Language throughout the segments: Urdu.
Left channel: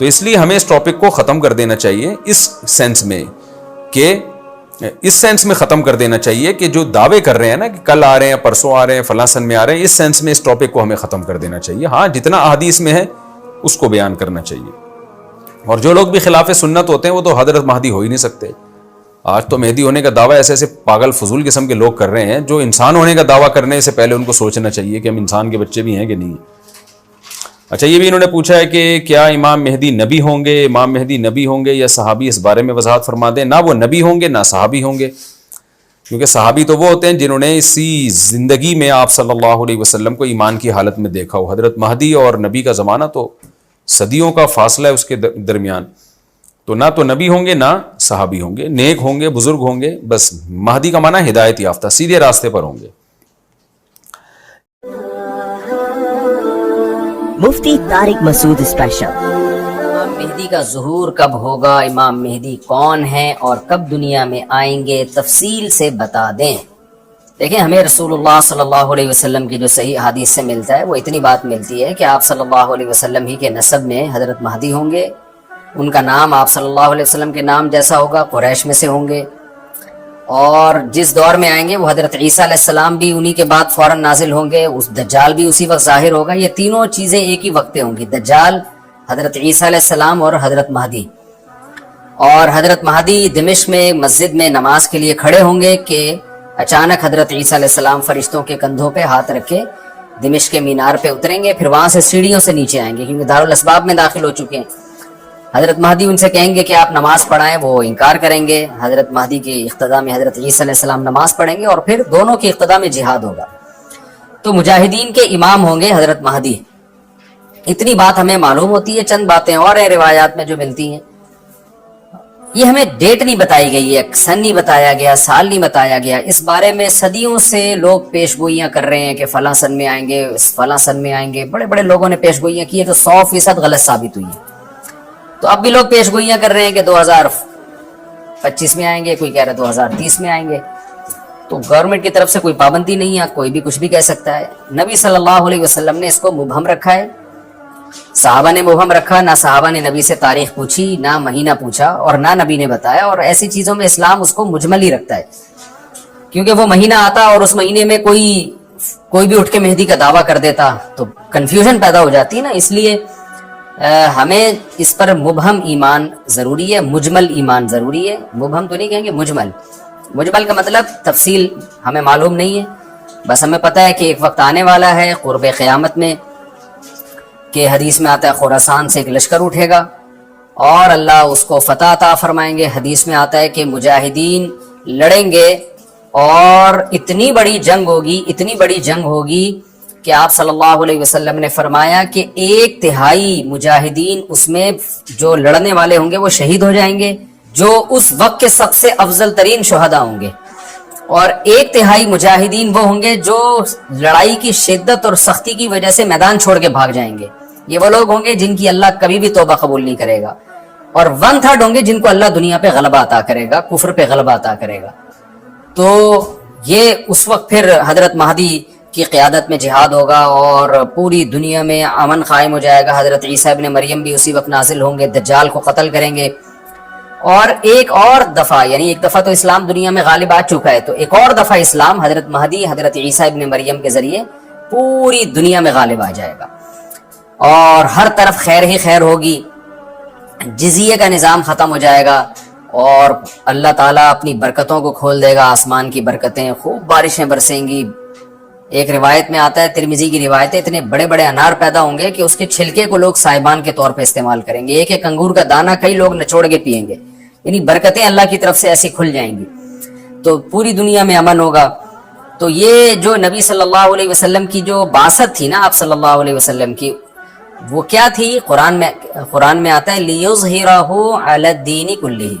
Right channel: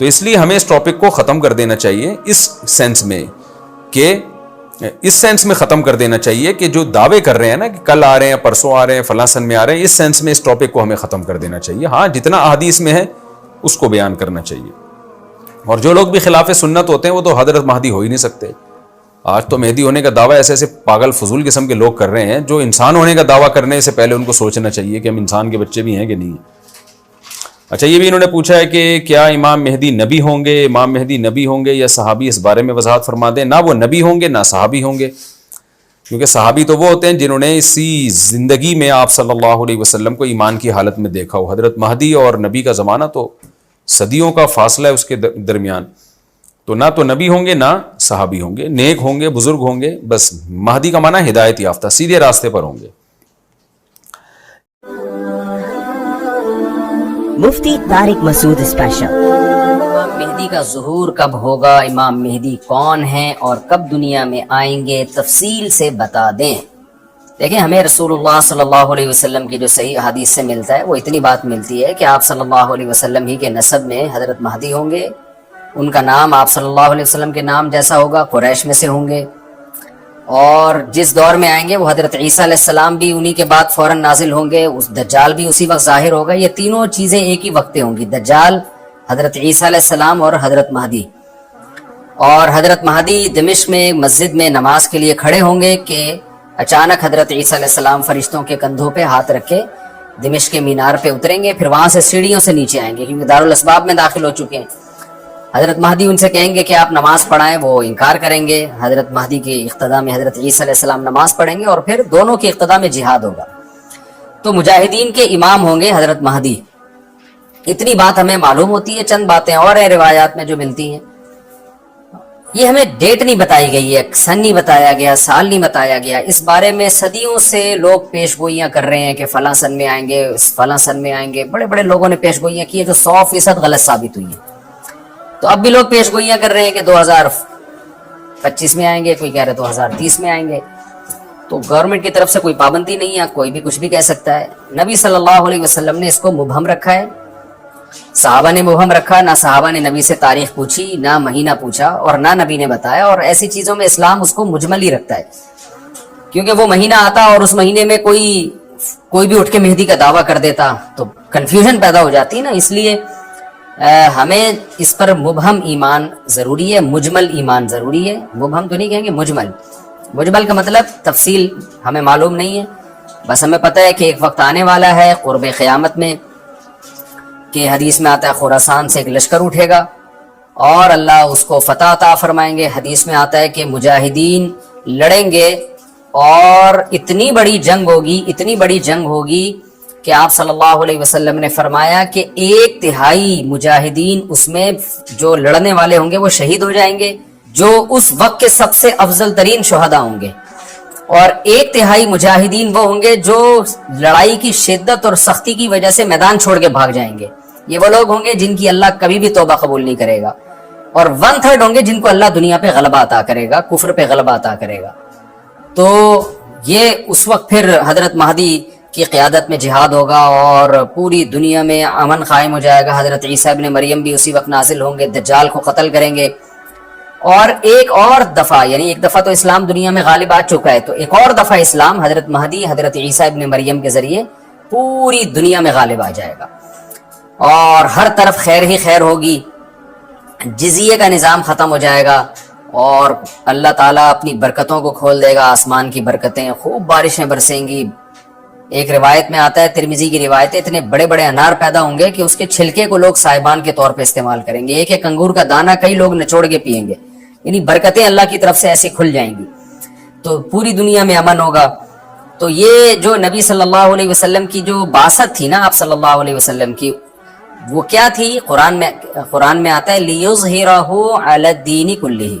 تو اس لیے ہمیں اس ٹاپک کو ختم کر دینا چاہیے اس سینس میں ختم کر دینا چاہیے کہ جو دعوے کر رہے ہیں نا کہ کل آ رہے ہیں، پرسوں آ رہے ہیں، فلاں سن میں آ رہے ہیں، اس سینس میں اس ٹاپک کو ہمیں ختم کر دینا چاہیے. ہاں جتنا احادیث میں ہے اس کو بیان کرنا چاہیے. اور جو لوگ بھی خلاف سنت ہوتے ہیں وہ تو حضرت مہدی ہو ہی نہیں سکتے. آج تو مہدی ہونے کا دعویٰ ایسے پاگل فضول قسم کے لوگ کر رہے ہیں جو انسان ہونے کا دعویٰ کرنے سے پہلے ان کو سوچنا چاہیے کہ ہم انسان کے بچے بھی ہیں کہ نہیں. اچھا، یہ بھی انہوں نے پوچھا ہے کہ کیا امام مہدی نبی ہوں گے؟ امام مہدی نبی ہوں گے یا صحابی؟ اس بارے میں وضاحت فرما دیں. نہ وہ نبی ہوں گے نہ صحابی ہوں گے، کیونکہ صحابی تو وہ ہوتے ہیں جنہوں نے اسی زندگی میں آپ صلی اللہ علیہ وسلم کو ایمان کی حالت میں دیکھا ہو. حضرت مہدی اور نبی کا زمانہ تو صدیوں کا فاصلہ ہے اس کے درمیان. تو نہ تو نبی ہوں گے نہ صحابی ہوں گے. نیک ہوں گے، بزرگ ہوں گے. بس مہدی کا معنی ہدایت یافتہ، سیدھے راستے پر ہوں گے. مفتی طارق مسعود اسپیشل. امام مہدی کا ظہور کب ہوگا، امام مہدی کون ہیں اور کب دنیا میں آئیں گے، تفصیل سے بتا دیں. دیکھیں، ہمیں رسول اللہ صلی اللہ علیہ وسلم کی جو صحیح حدیث سے ملتا ہے وہ اتنی بات ملتی ہے کہ آپ صلی اللہ علیہ وسلم ہی کے نسب میں حضرت مہدی ہوں گے. ان کا نام آپ صلی اللہ علیہ وسلم کے نام جیسا ہوگا، قریش میں سے ہوں گے. اور جس دور میں آئیں گے وہ حضرت عیسیٰ علیہ السلام بھی انہی کے بعد فوراً نازل ہوں گے. اس دجال بھی اسی وقت ظاہر ہوگا. یہ تینوں چیزیں ایک ہی وقت ہوں گی، دجال، حضرت عیسیٰ علیہ السلام اور حضرت مہدی. اور حضرت مہدی دمشق میں مسجد میں نماز کے لیے کھڑے ہوں گے کہ اچانک حضرت عیسیٰ علیہ السلام فرشتوں کے کندھوں پہ ہاتھ رکھے دمشق کے مینار پہ اتریں گے، پھر وہاں سے سیڑھیوں سے نیچے آئیں گے کیونکہ دارالاسباب میں داخل ہو چکے ہیں. حضرت مہدی ان سے کہیں گے کہ آپ نماز پڑھائیں، وہ انکار کریں گے. حضرت مہدی کی اقتدا میں حضرت عیسیٰ علیہ السلام نماز پڑھیں گے اور پھر دونوں کی اقتدا میں جہاد ہوگا. تو مجاہدین کے امام ہوں گے حضرت مہدی. اتنی بات ہمیں معلوم ہوتی ہے. چند باتیں اور ہیں روایات میں جو ملتی ہیں. یہ ہمیں ڈیٹ نہیں بتائی گئی ہے، سن نہیں بتایا گیا، سال نہیں بتایا گیا. اس بارے میں صدیوں سے لوگ پیش گوئیاں کر رہے ہیں کہ فلاں سن میں آئیں گے، فلاں سن میں آئیں گے. بڑے بڑے لوگوں نے پیش گوئیاں کی ہیں جو 100% غلط ثابت ہوئی ہیں. تو اب بھی لوگ پیش گوئیاں کر رہے ہیں کہ 2025 میں آئیں گے، کوئی کہہ رہے 2030 میں آئیں گے. تو گورنمنٹ کی طرف سے کوئی پابندی نہیں ہے، کوئی بھی کچھ بھی کہہ سکتا ہے. نبی صلی اللہ علیہ وسلم نے اس کو مبہم رکھا ہے، صحابہ نے مبہم رکھا. نہ صحابہ نے نبی سے تاریخ پوچھی، نہ مہینہ پوچھا، اور نہ نبی نے بتایا. اور ایسی چیزوں میں اسلام اس کو مجمل ہی رکھتا ہے، کیونکہ وہ مہینہ آتا اور اس مہینے میں کوئی بھی اٹھ کے مہدی کا دعویٰ کر دیتا تو کنفیوژن پیدا ہو جاتی ہے نا. اس لیے ہمیں اس پر مبہم ایمان ضروری ہے، مجمل ایمان ضروری ہے. مبہم تو نہیں کہیں گے، مجمل کا مطلب تفصیل ہمیں معلوم نہیں ہے. بس ہمیں پتہ ہے کہ ایک وقت آنے والا ہے قرب قیامت میں کہ حدیث میں آتا ہے خراسان سے ایک لشکر اٹھے گا اور اللہ اس کو فتح عطا فرمائیں گے. حدیث میں آتا ہے کہ مجاہدین لڑیں گے اور اتنی بڑی جنگ ہوگی کہ آپ صلی اللہ علیہ وسلم نے فرمایا کہ 1/3 مجاہدین اس میں جو لڑنے والے ہوں گے وہ شہید ہو جائیں گے، جو اس وقت کے سب سے افضل ترین شہداء ہوں گے. اور 1/3 مجاہدین وہ ہوں گے جو لڑائی کی شدت اور سختی کی وجہ سے میدان چھوڑ کے بھاگ جائیں گے. یہ وہ لوگ ہوں گے جن کی اللہ کبھی بھی توبہ قبول نہیں کرے گا. اور 1/3 ہوں گے جن کو اللہ دنیا پہ غلبہ عطا کرے گا، کفر پہ غلبہ عطا کرے گا. تو یہ اس وقت پھر حضرت مہدی کی قیادت میں جہاد ہوگا اور پوری دنیا میں امن قائم ہو جائے گا. حضرت عیسیٰ ابن مریم بھی اسی وقت نازل ہوں گے، دجال کو قتل کریں گے. اور ایک اور دفعہ، یعنی ایک دفعہ تو اسلام دنیا میں غالب آ چکا ہے، تو ایک اور دفعہ اسلام حضرت مہدی حضرت عیسیٰ ابن مریم کے ذریعے پوری دنیا میں غالب آ جائے گا اور ہر طرف خیر ہی خیر ہوگی. جزیے کا نظام ختم ہو جائے گا اور اللہ تعالیٰ اپنی برکتوں کو کھول دے گا. آسمان کی برکتیں، خوب بارشیں برسیں گی. ایک روایت میں آتا ہے، ترمذی کی روایت ہے، اتنے بڑے بڑے انار پیدا ہوں گے کہ اس کے چھلکے کو لوگ سائبان کے طور پہ استعمال کریں گے. ایک انگور کا دانہ کئی لوگ نچوڑ کے پیئیں گے. یعنی برکتیں اللہ کی طرف سے ایسی کھل جائیں گی تو پوری دنیا میں امن ہوگا. تو یہ جو نبی صلی اللہ علیہ وسلم کی جو بعثت تھی نا، آپ صلی اللہ علیہ وسلم کی، وہ کیا تھی؟ قرآن میں آتا ہے لِيُظْهِرَهُ عَلَى الدِّينِ كُلِّهِ.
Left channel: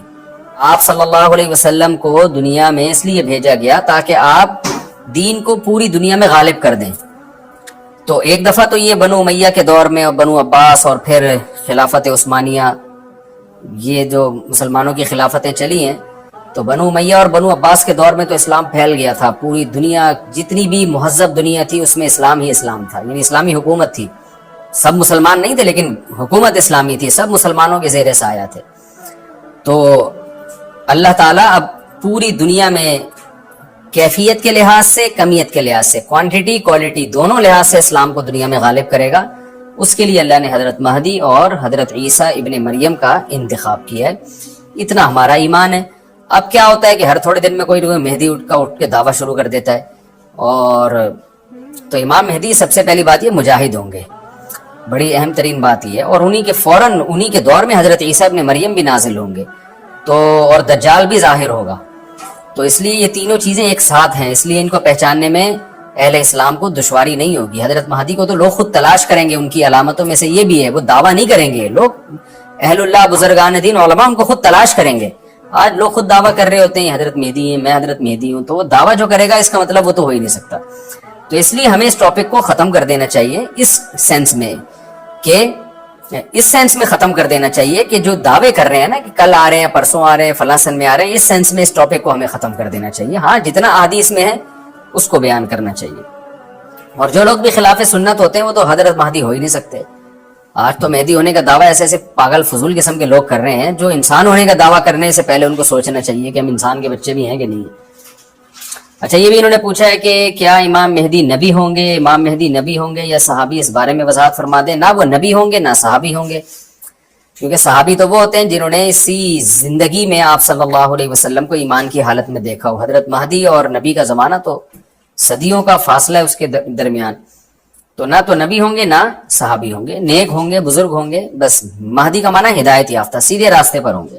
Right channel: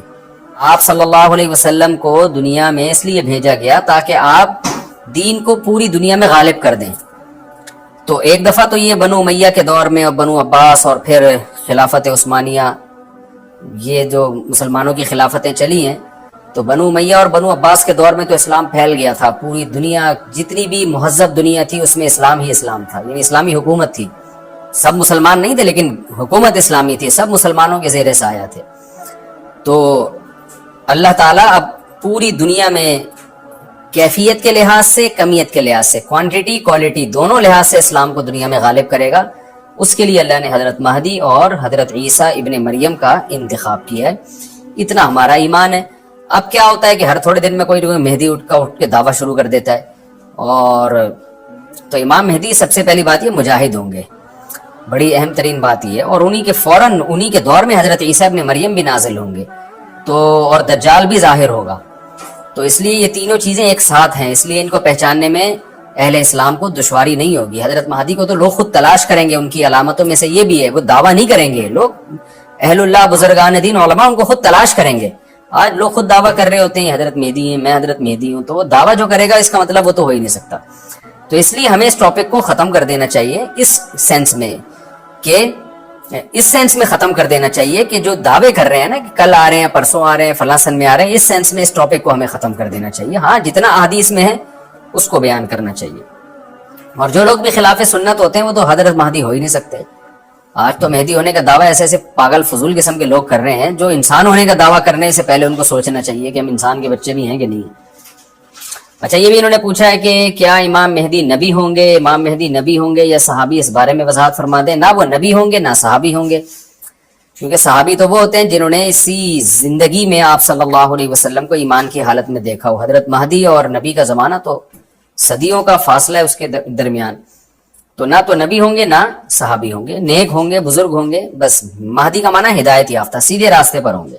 آپ صلی اللہ علیہ وسلم کو دنیا میں اس لیے بھیجا گیا تاکہ آپ دین کو پوری دنیا میں غالب کر دیں. تو ایک دفعہ تو یہ بنو امیہ کے دور میں بنو عباس اور پھر خلافت عثمانیہ، یہ جو مسلمانوں کی خلافتیں چلی ہیں، تو بنو امیہ اور بنو عباس کے دور میں تو اسلام پھیل گیا تھا. پوری دنیا، جتنی بھی مہذب دنیا تھی اس میں اسلام ہی اسلام تھا، یعنی اسلامی حکومت تھی. سب مسلمان نہیں تھے لیکن حکومت اسلامی تھی, سب مسلمانوں کے زیر سایہ تھے. تو اللہ تعالیٰ اب پوری دنیا میں کیفیت کے لحاظ سے, کمیت کے لحاظ سے, کوانٹٹی کوالٹی دونوں لحاظ سے اسلام کو دنیا میں غالب کرے گا. اس کے لیے اللہ نے حضرت مہدی اور حضرت عیسیٰ ابن مریم کا انتخاب کیا ہے. اتنا ہمارا ایمان ہے. اب کیا ہوتا ہے کہ ہر تھوڑے دن میں کوئی مہدی اٹھ کے دعویٰ شروع کر دیتا ہے. اور تو امام مہدی سب سے پہلی بات یہ مجاہد ہوں گے, بڑی اہم ترین بات یہ ہے. اور انہی کے فوراً انہی کے دور میں حضرت عیسیٰ ابن مریم بھی نازل ہوں گے, تو اور دجال بھی ظاہر ہوگا. تو اس لیے یہ تینوں چیزیں ایک ساتھ ہیں, اس لیے ان کو پہچاننے میں اہل اسلام کو دشواری نہیں ہوگی. حضرت مہدی کو تو لوگ خود تلاش کریں گے, ان کی علامتوں میں سے یہ بھی ہے, وہ دعویٰ نہیں کریں گے. لوگ اہل اللہ, بزرگان دین, علماء ان کو خود تلاش کریں گے. آج لوگ خود دعویٰ کر رہے ہوتے ہیں حضرت مہدی ہیں, میں حضرت مہدی ہوں, تو وہ دعویٰ جو کرے گا اس کا مطلب وہ تو ہو ہی نہیں سکتا. تو اس لیے ہمیں اس ٹاپک کو ختم کر دینا چاہیے, اس سینس میں ختم کر دینا چاہیے کہ جو دعوے کر رہے ہیں نا کہ کل آ رہے ہیں, پرسوں آ رہے ہیں, فلاں سن میں آ رہے ہیں, اس سینس میں اس ٹاپک کو ہمیں ختم کر دینا چاہیے. ہاں جتنا حدیث میں ہے اس کو بیان کرنا چاہیے. اور جو لوگ بھی خلاف سنت ہوتے ہیں وہ تو حضرت مہدی ہو ہی نہیں سکتے. آج تو مہدی ہونے کا دعویٰ ایسے پاگل فضول قسم کے لوگ کر رہے ہیں, جو انسان ہونے کا دعویٰ کرنے سے پہلے ان کو سوچنا چاہیے کہ ہم انسان کے بچے بھی ہیں کہ نہیں. اچھا, یہ بھی انہوں نے پوچھا ہے کہ کیا امام مہدی نبی ہوں گے, امام مہدی نبی ہوں گے یا صحابی, اس بارے میں وضاحت فرما دیں. نہ وہ نبی ہوں گے نہ صحابی ہوں گے, کیونکہ صحابی تو وہ ہوتے ہیں جنہوں نے اسی زندگی میں آپ صلی اللہ علیہ وسلم کو ایمان کی حالت میں دیکھا ہو. حضرت مہدی اور نبی کا زمانہ تو صدیوں کا فاصلہ ہے اس کے درمیان. تو نہ تو نبی ہوں گے نہ صحابی ہوں گے, نیک ہوں گے, بزرگ ہوں گے. بس مہدی کا معنی ہدایت یافتہ, سیدھے راستے پر ہوں گے.